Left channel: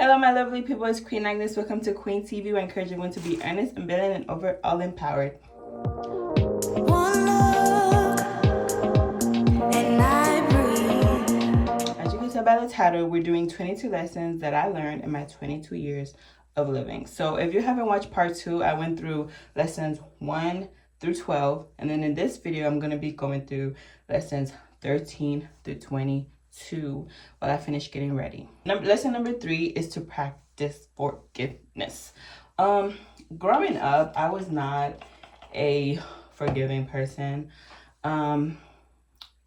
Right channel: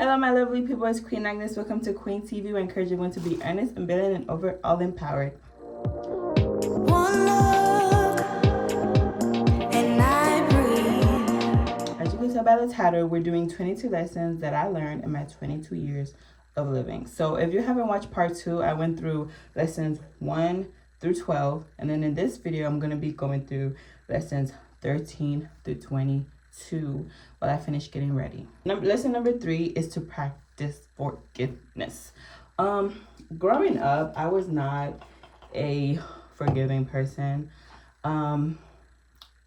Hello, my lovely people. It's Queen Agnes. Welcome to Queen TV. I encourage everyone to be earnest, ambivalent, and overall empowered. One look, and I breathe. As you can tell by the title, we're doing 22 lessons that I learned in my 22 years of living. So if you haven't watched part 2, I went through lessons 1 through 12. And then in this video, I'm going to be going through lessons 13 through 22 while I finish getting ready. Lesson number 3 is to practice forgiveness. Growing up, I was not a forgiving person. I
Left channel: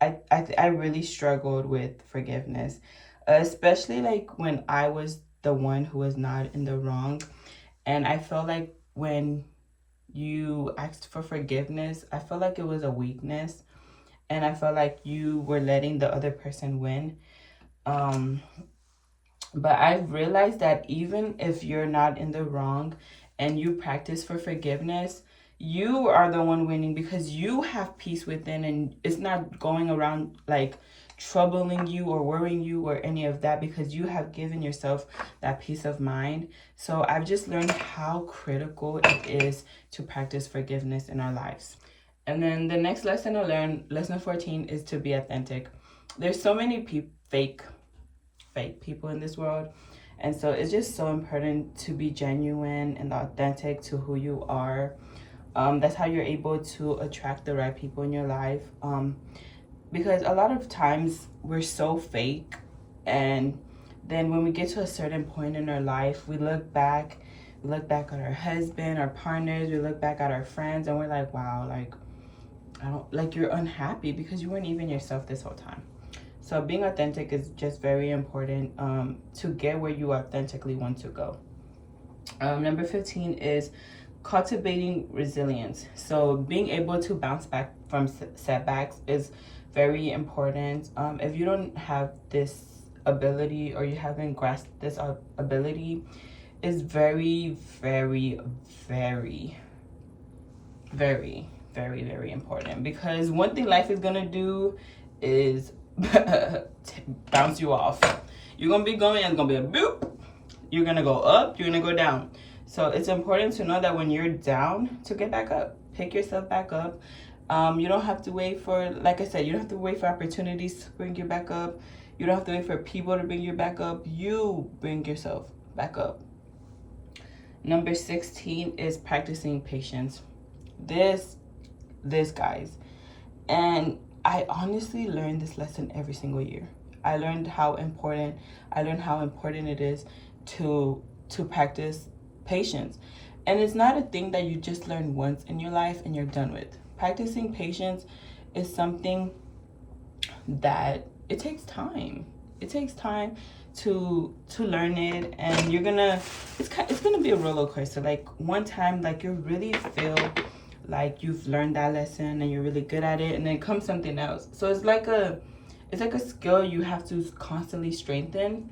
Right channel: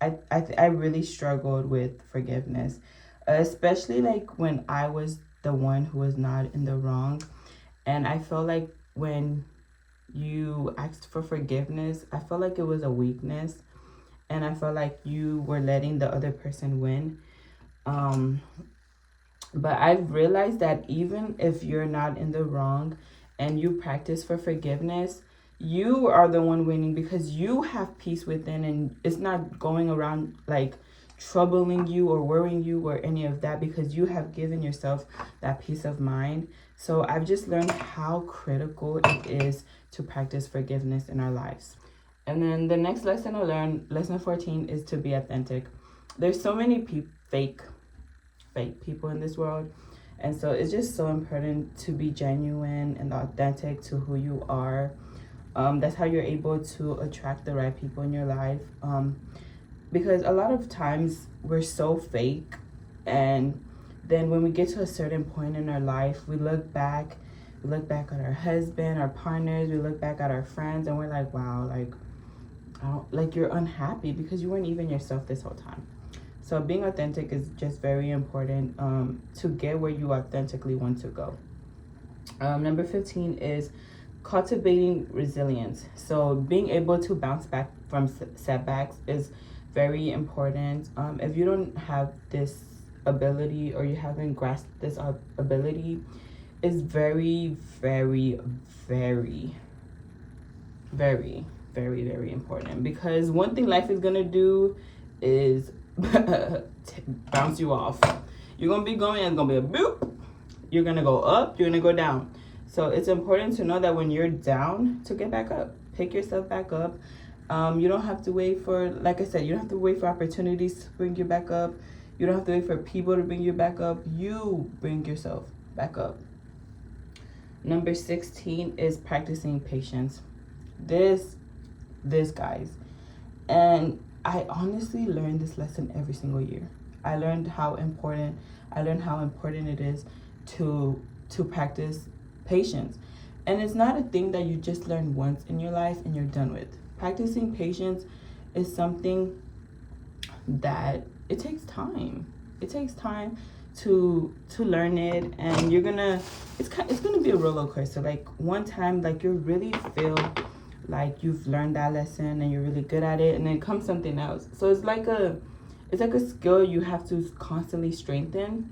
really struggled with forgiveness, especially like when I was the one who was not in the wrong. And I felt like when you asked for forgiveness, I felt like it was a weakness, and I felt like you were letting the other person win. But I've realized that even if you're not in the wrong and you practice for forgiveness, you are the one winning, because you have peace within, and it's not going around like troubling you or worrying you or any of that, because you have given yourself that peace of mind. So I've just learned how critical it is to practice forgiveness in our lives. And then the next lesson I learned, lesson 14, is to be authentic. There's so many fake people in this world, and so it's just so important to be genuine and authentic to who you are. That's how you're able to attract the right people in your life, because a lot of times we're so fake, and then when we get to a certain point in our life, we look back at our husband, our partners, we look back at our friends, and we're like, wow, you're unhappy because you weren't even yourself this whole time. So being authentic is just very important to get where you authentically want to go. Number 15 is cultivating resilience. So being able to bounce back from setbacks is very important. If you don't have this ability, or you haven't grasped this ability, is very, very, very, very, very, very important, because one thing life is gonna do is bounce you off. You're gonna be going, it's gonna be a boop. You're gonna go up, you're gonna go down. So it's important to know that when you're down, to get back up, pick yourself back up. You don't have to wait for, like I said, you don't have to wait for opportunities to bring you back up. You don't have to wait for people to bring you back up. You bring yourself back up. Number 16 is practicing patience. This guys, and I honestly learned this lesson every single year. I learned how important it is to practice patience. And it's not a thing that you just learn once in your life and you're done with. Practicing patience is something that it takes time. It takes time to learn it, and it's gonna be a roller coaster. Like one time, like you really feel like you've learned that lesson and you're really good at it, and then comes something else. So it's like a skill you have to constantly strengthen,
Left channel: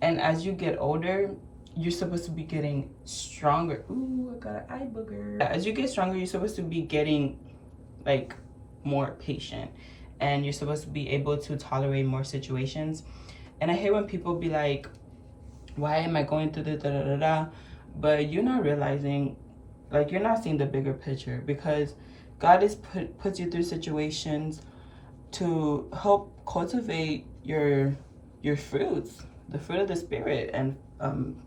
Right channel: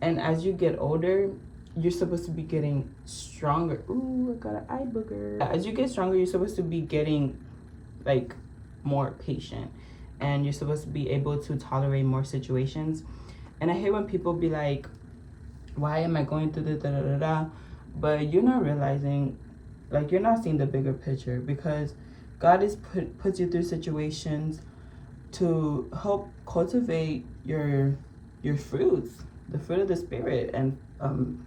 and as you get older, you're supposed to be getting stronger. Ooh, I got an eye booger. As you get stronger, you're supposed to be getting like more patient, and you're supposed to be able to tolerate more situations. And I hate when people be like, why am I going through this, but you're not realizing, like, you're not seeing the bigger picture, because God is puts you through situations to help cultivate your fruits, the fruit of the spirit, and and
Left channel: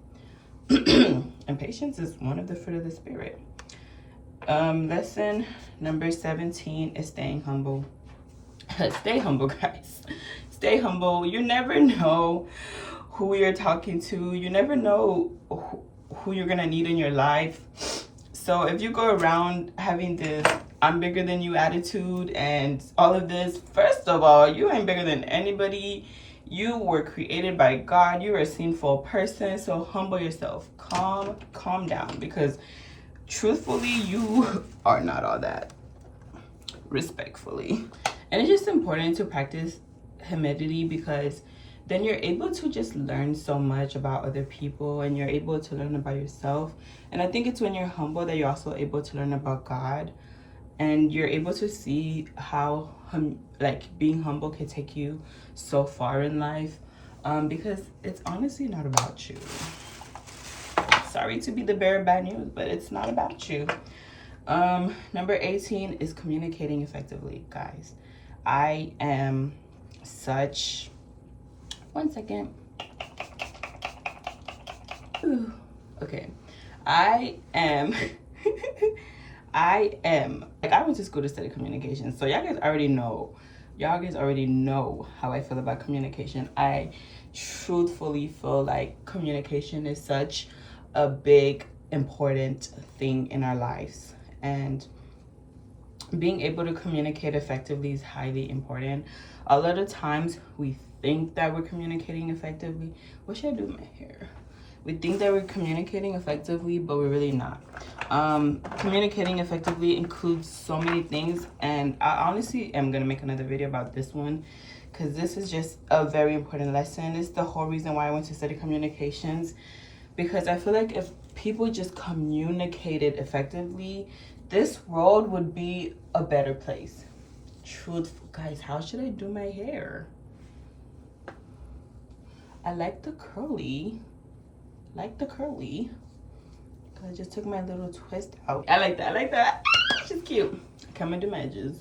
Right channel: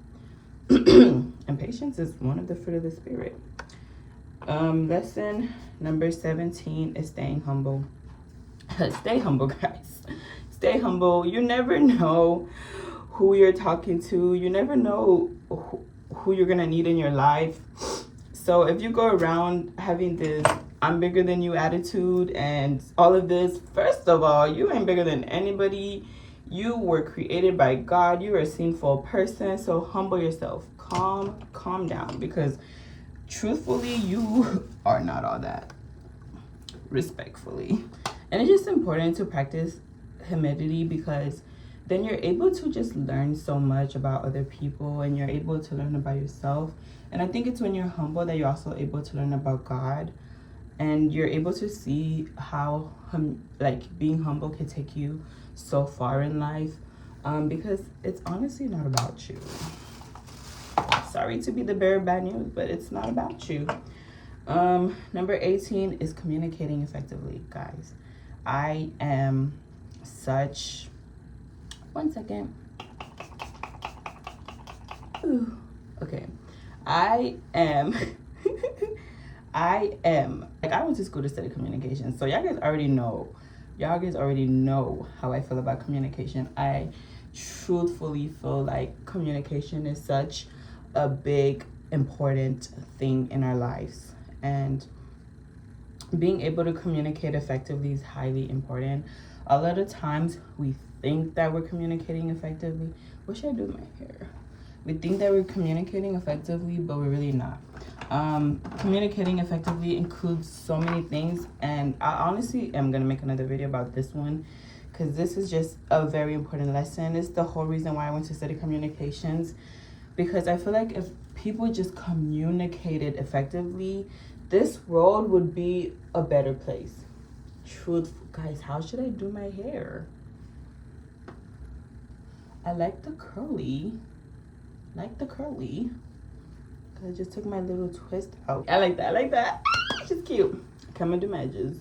patience is one of the fruit of the spirit. Lesson number 17 is staying humble. Stay humble, guys. Stay humble. You never know who you're talking to. You never know who you're gonna need in your life. So if you go around having this I'm bigger than you attitude and all of this, first of all, you ain't bigger than anybody. You were created by God. You're a sinful person. So humble yourself. Calm down, because truthfully, you are not all that. Respectfully. And it's just important to practice humility, because then you're able to just learn so much about other people, and you're able to learn about yourself. And I think it's when you're humble that you're also able to learn about God, and you're able to see how being humble can take you so far in life. because it's honestly not about you. Sorry to be the bearer of bad news, but it's not about you. Number 18 is communicating effectively, guys. I am such, one second. Ooh. Okay. I am like, I went to school to study communication, so y'all guys already know how I feel about communication. I truthfully feel like communication is such a big important thing in our lives, and being able to communicate effectively is highly important. A lot of times we think that we're communicating effectively. What should I do with my hair? We think that we're communicating effectively, but we're really not. Communicating effectively includes so many things, and I honestly am gonna make another video about this one because this is just a very important lesson. It's the whole reason why I went to study communications, because I feel like if people just communicated effectively, this world would be a better place. Truthful, guys, how should I do my hair? I like the curly. I just took my little twist out. I like that. She's cute. Okay, I'm gonna do my edges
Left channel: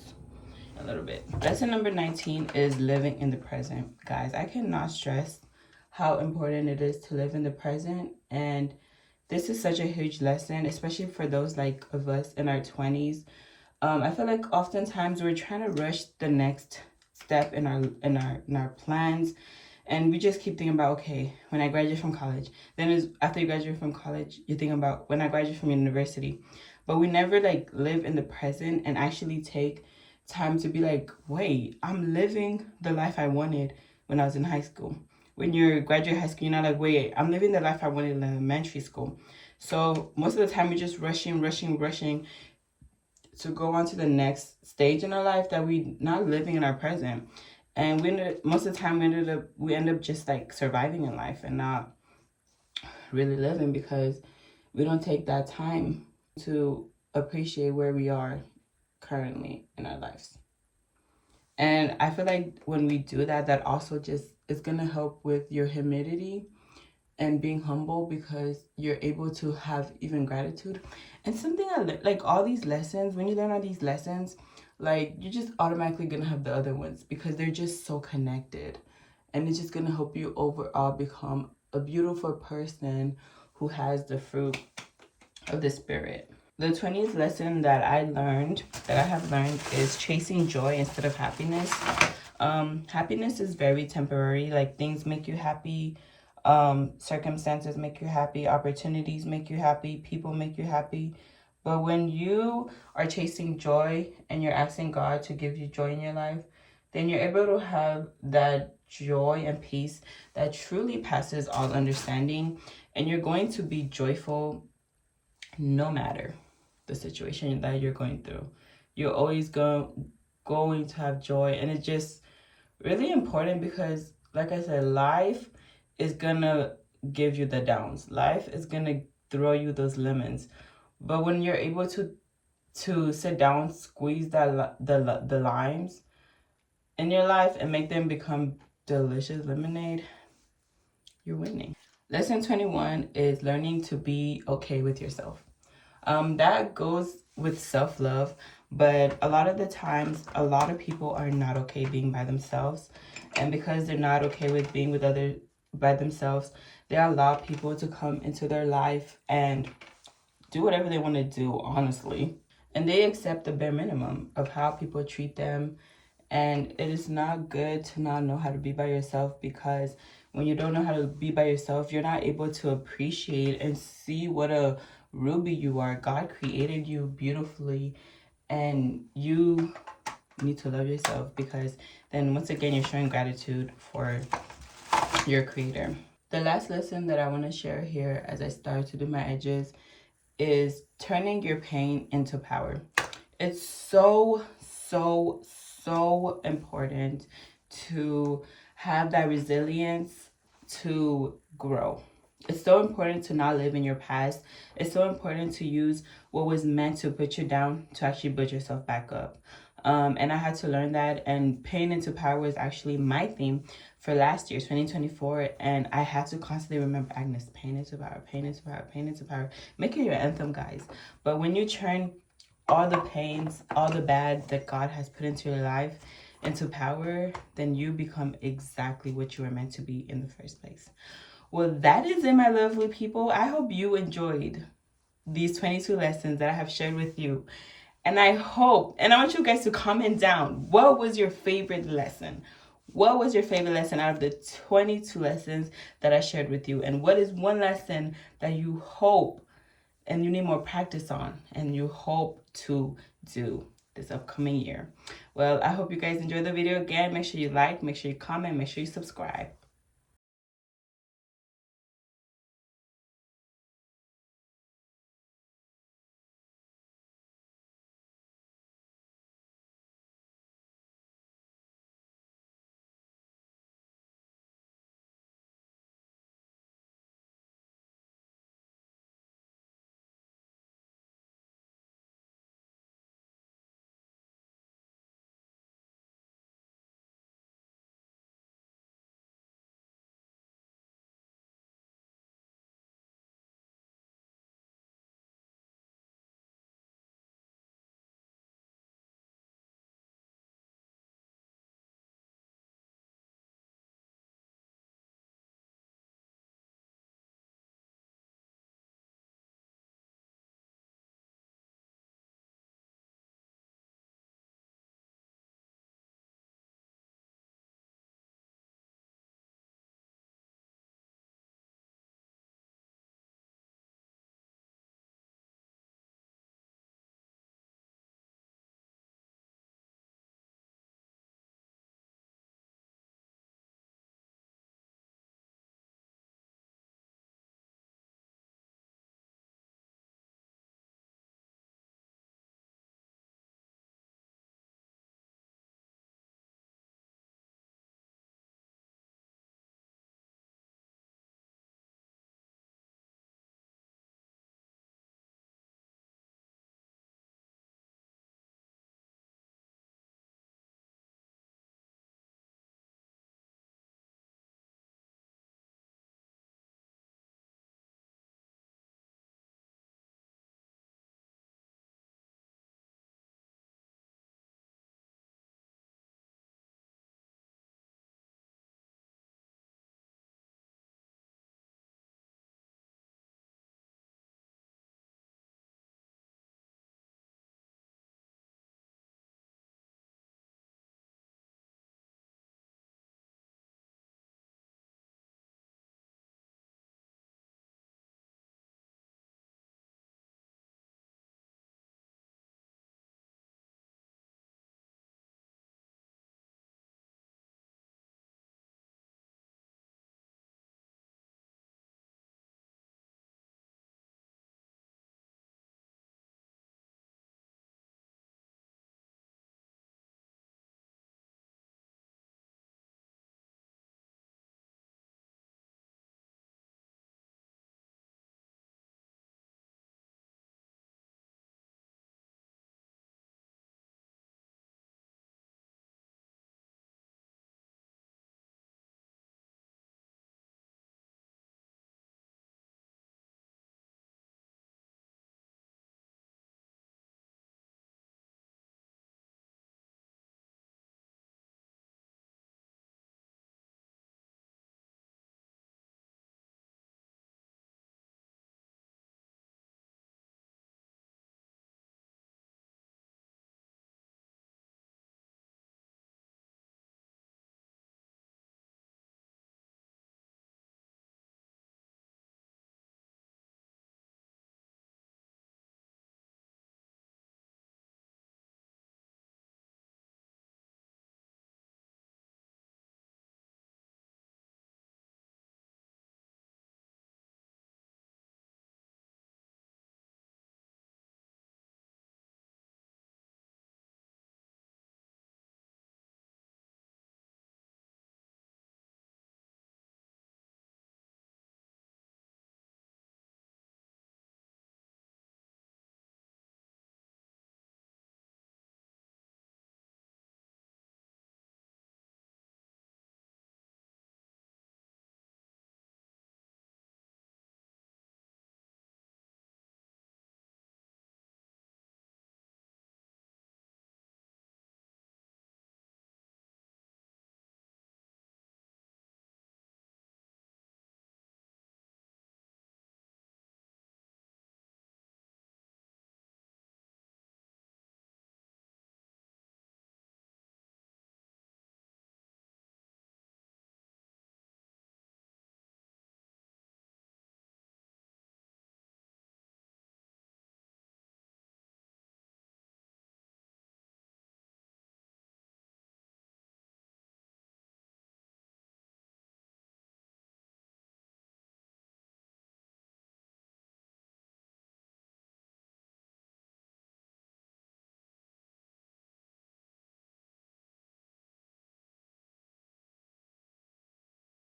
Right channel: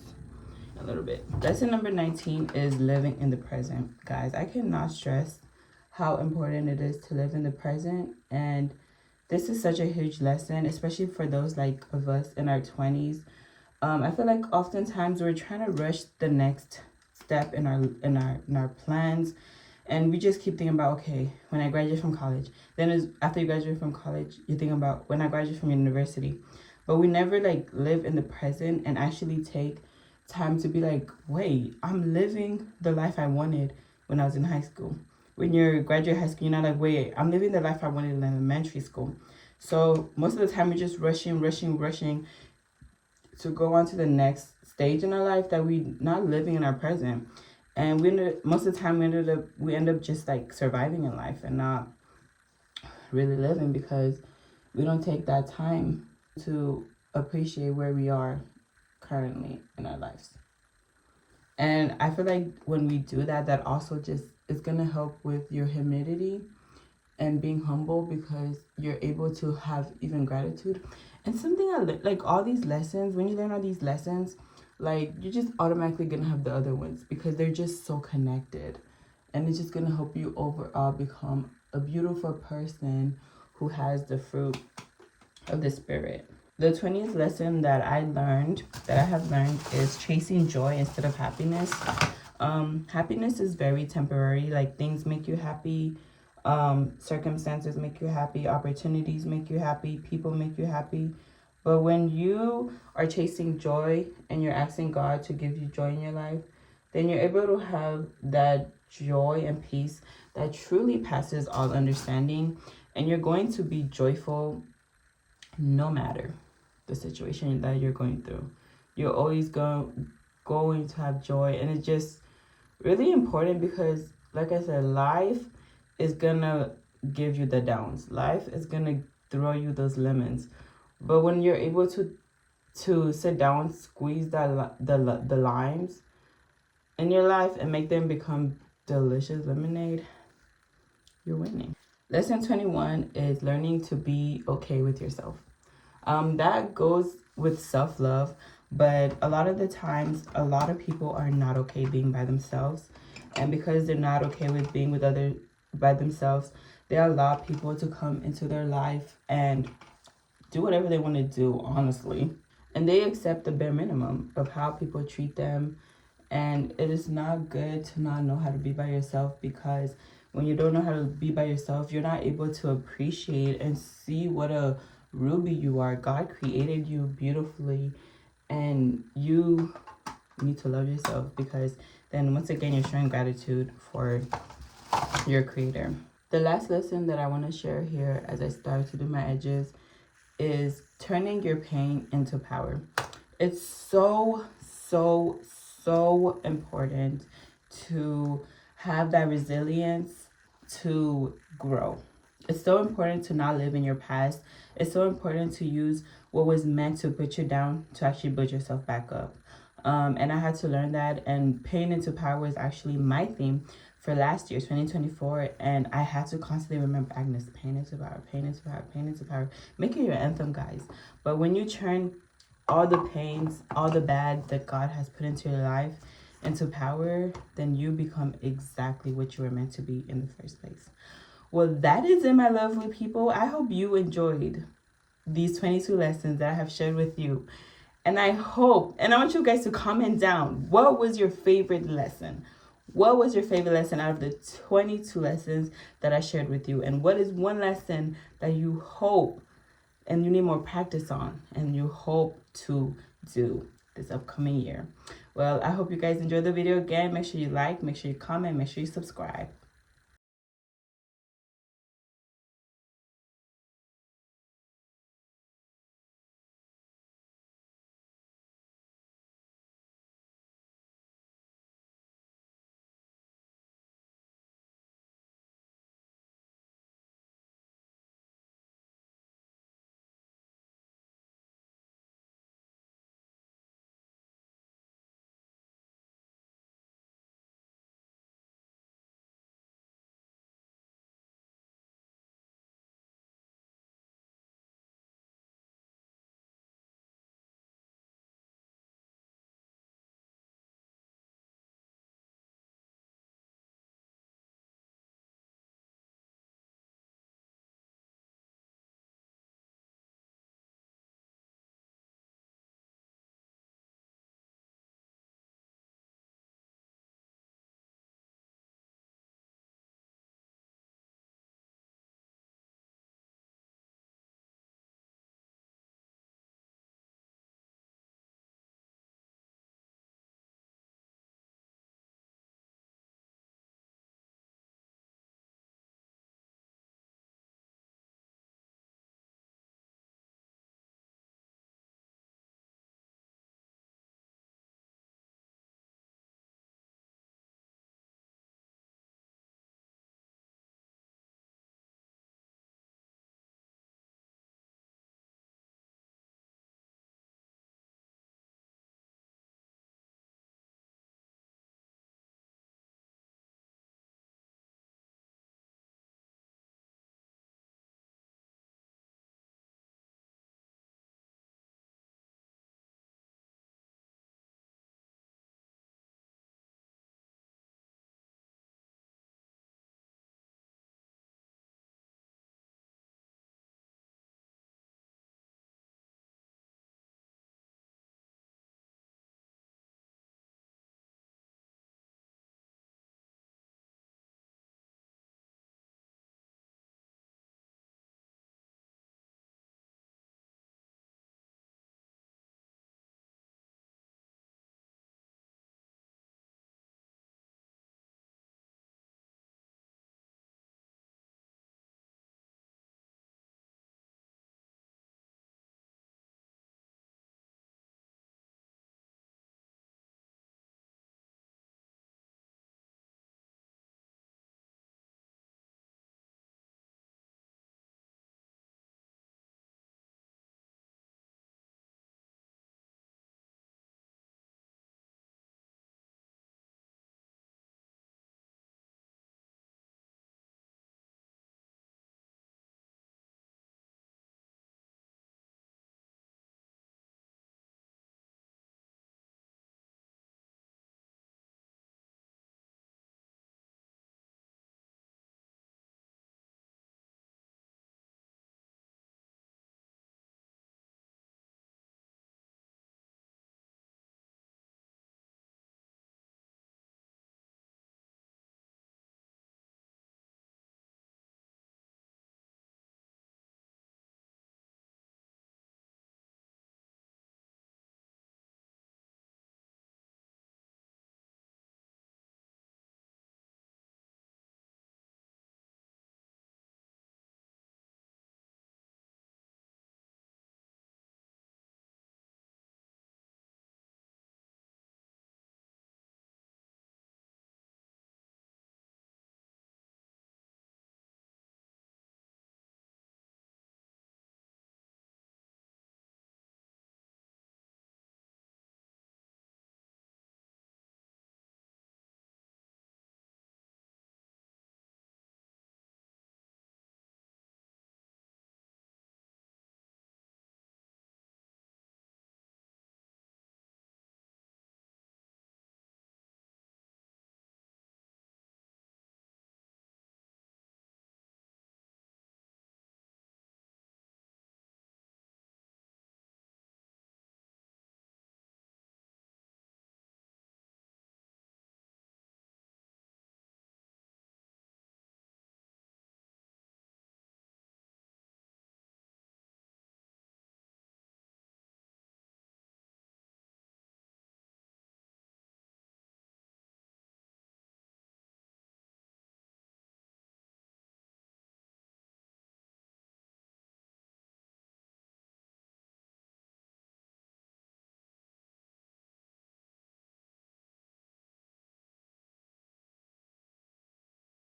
a little bit. Lesson number 19 is living in the present. Guys, I cannot stress how important it is to live in the present, and this is such a huge lesson, especially for those like of us in our 20s. I feel like oftentimes we're trying to rush the next step in our plans, and we just keep thinking about, okay, when I graduate from college, then after you graduate from college, you think about when I graduate from university. But we never like live in the present and actually take time to be like, wait, I'm living the life I wanted when I was in high school. When you're graduate high school, you're not like, wait, I'm living the life I wanted in elementary school. So most of the time we're just rushing to go on to the next stage in our life that we not living in our present. And most of the time we end up just like surviving in life and not really living, because we don't take that time to appreciate where we are currently in our lives. And I feel like when we do that, that also just is gonna help with your humility and being humble, because you're able to have even gratitude. And something like all these lessons, when you learn all these lessons, like you're just automatically gonna have the other ones because they're just so connected, and it's just gonna help you overall become a beautiful person who has the fruit of the spirit. The 20th lesson that I have learned is chasing joy instead of happiness. Happiness is very temporary. Like, things make you happy, circumstances make you happy, opportunities make you happy, people make you happy. But when you are chasing joy and you're asking God to give you joy in your life, then you're able to have that joy and peace that truly passes all understanding, and you're going to be joyful no matter the situation that you're going through. You're always going to have joy, and it's just really important because, like I said, life is gonna give you the downs. Life is gonna throw you those lemons. But when you're able to sit down, squeeze the limes in your life and make them become delicious lemonade, you're winning. Lesson 21 is learning to be okay with yourself. That goes with self-love, but a lot of the times, a lot of people are not okay being by themselves. And because they're not okay with being with others by themselves, they allow people to come into their life and do whatever they want to do, honestly. And they accept the bare minimum of how people treat them. And it is not good to not know how to be by yourself, because when you don't know how to be by yourself, you're not able to appreciate and see what a ruby you are. God created you beautifully, and you need to love yourself, because then once again you're showing gratitude for your creator. The last lesson that I want to share here as I start to do my edges is turning your pain into power. It's so important to have that resilience to grow. It's so important to not live in your past. It's so important to use what was meant to put you down to actually build yourself back up. And I had to learn that, and pain into power is actually my theme for last year, 2024, and I had to constantly remember, Agnes, pain into power, pain into power, pain into power. Make it your anthem, guys. But when you turn all the pains, all the bad that God has put into your life into power, then you become exactly what you were meant to be in the first place. Well, that is it, my lovely people. I hope you enjoyed these 22 lessons that I have shared with you. And I hope, and I want you guys to comment down, what was your favorite lesson? What was your favorite lesson out of the 22 lessons that I shared with you? And what is one lesson that you hope and you need more practice on and you hope to do this upcoming year? Well, I hope you guys enjoyed the video. Again, make sure you like, make sure you comment, make sure you subscribe.